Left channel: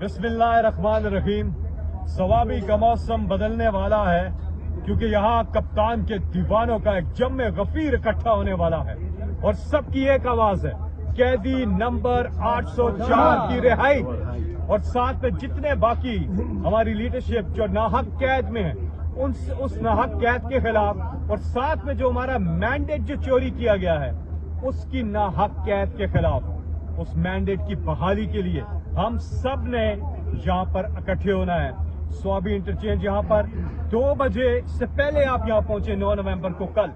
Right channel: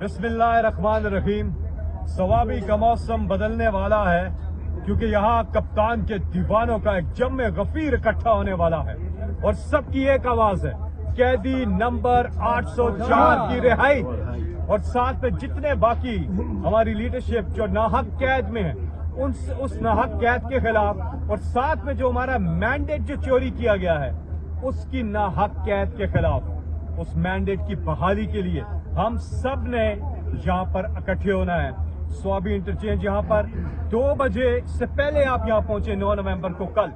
बिस्मिल्लाह रहमान रहीम। सवाबी का मौसम बदलने वाला है क्योंकि यहाँ कप्तान के दीवानों का एक जम्मे गफीर इकट्ठा होने वाला है और सबकी एक आवाज है, कैदी नंबर 804 की रिहाई। और साथ में जितने बाकी हमारी लीडरशिप जो नाहक कैद में है उस नाहक कैद के खिलाफ, और साथ में जो हमारा मैंडेट जो चोरी किया गया है उसकी नाहक कैद के खिलाफ, उस मैंडेट की बहाली के लिए हम सब ने यहाँ पर इकट्ठे होना है। स्वाबी इंटरचेंज यहाँ पर 2 बजे से पहले आप यहाँ पहुंचे। 9 नवंबर को कल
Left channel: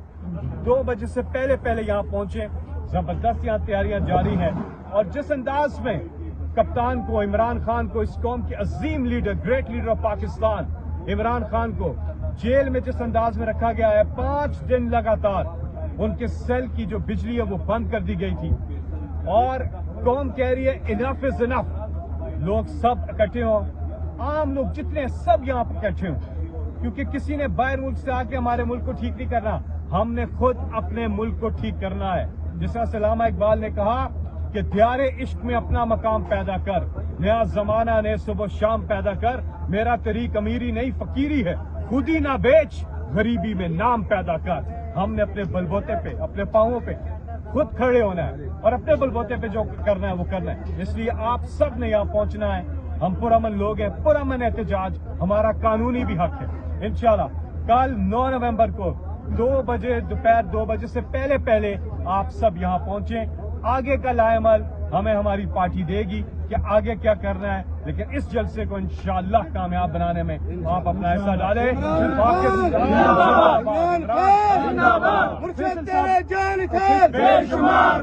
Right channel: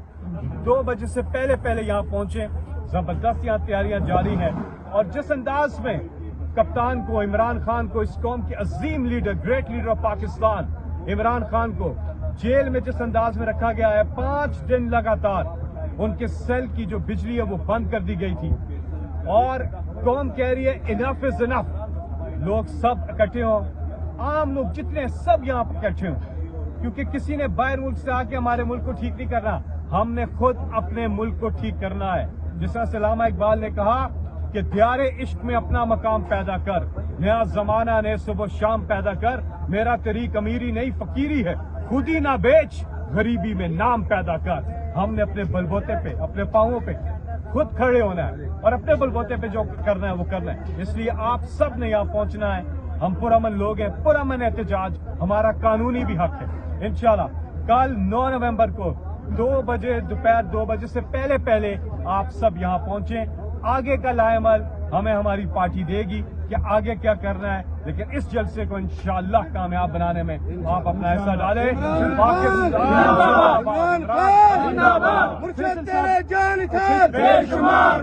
2 बजे से पहले यहाँ पहुंचे। जबरदस्त यहाँ तैयारियां जारी हैं और जिस अंदाज में कप्तान को, इमरान खान को, इस कौम के अजीम leader, great leader of Pakistan Imran Khan को जेल में जिस अंदाज में रखा गया है, 5 दिन लगातार उनके सेल की जो बिजली है वो बंद कर दी गई थी और कौम कह रही है इनफ इज इनफ। लोग सब इकट्ठे हों, आम लोग जितने सब यहाँ पर इकट्ठे हों, क्योंकि किसी ने बाहर मुल्क से आके हमारे मुल्क को ठीक नहीं करना, हमने खुद अपने मुल्क को ठीक करना है। जिस तरह से अल्लामा इकबाल ने कहा कि दियारे इश्क में अपना मकाम पैदा कर, नया जमाना ने सुबह शाम पैदा कर, मेरा तरीक अमीरी नहीं फकीरी है, खुद ही ना बेच, गरीबी में नाम पैदा कर। हमने अपने बलबोते पे, अपने पांवों पे खुद खड़े होना है और अपने बलबोते पे जो करना है वो करना है। इसलिए आप सब ने यहाँ पहुंचना है। हम पुरअमन लोग हैं, पुरअमन एहतजाज हमारा कानूनी भी हक है। इंशाल्लाह कल 9 नवंबर को 2 बजे, दोपहर 2 बजे से पहले आप सब यहाँ पहुंचे। आगे का लाएमल हमें हमारी पार्टी देगी कि आगे क्या करना है, लेकिन इस जलसे को इंशाअल्लाह कामयाब बनाने में आप अपना हिस्सा डालें। बेशुमार